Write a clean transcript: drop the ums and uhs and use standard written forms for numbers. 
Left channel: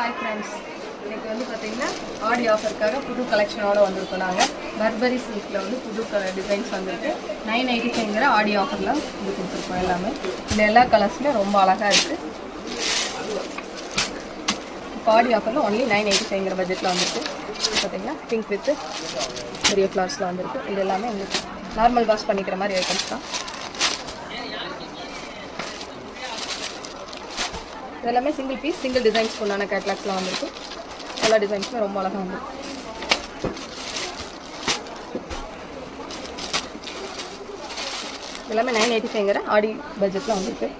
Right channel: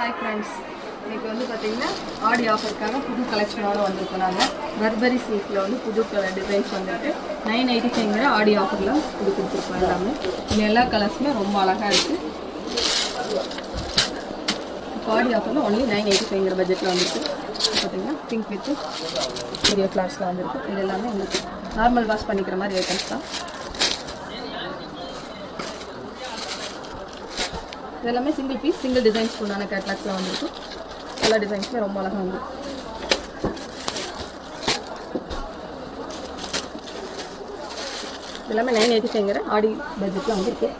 Hi friends, இன்றைக்கி வந்து பார்த்திங்கன்னா ஆடி ஆஃபருக்காக புது கலெக்ஷனோடு வந்திருக்கோம். நாங்கள் பர்பரி சில்கில் வந்து புது டிசைன்ஸ் வந்துருக்கு. 995 ஆடி ஆஃபர்லையும் இது கொடுத்துருக்கோம். எல்லாமே இந்த எல்லா கலர்ஸுமே ரொம்ப அழகாக இருக்குது. இப்போ ஆடி ஆஃபரில் ஒன்லி 985 பட்ஜெட்டில் வந்துருக்கு. பார்த்திங்கன்னா பிங்க் வித் பெரிய ஃப்ளவர்ஸில் வந்துருக்கு. இது எல்லாமே உங்களுக்கு நார்மல் வாஷ் பண்ணிக்கிற மாதிரி ஐட்டம்ஸ் தான். இதெல்லாமே சிங்கிள் பீஸ் சிங்கிள் டிசைன்ஸ் உண்டான கேட்லாக்ஸில் வந்துருக்கு. எல்லா டிசைன்ஸுமே ரொம்ப அழகாக வந்துருக்கு. எல்லாமே 985 ஆடி பட்ஜெட்டில் வந்துருக்கு.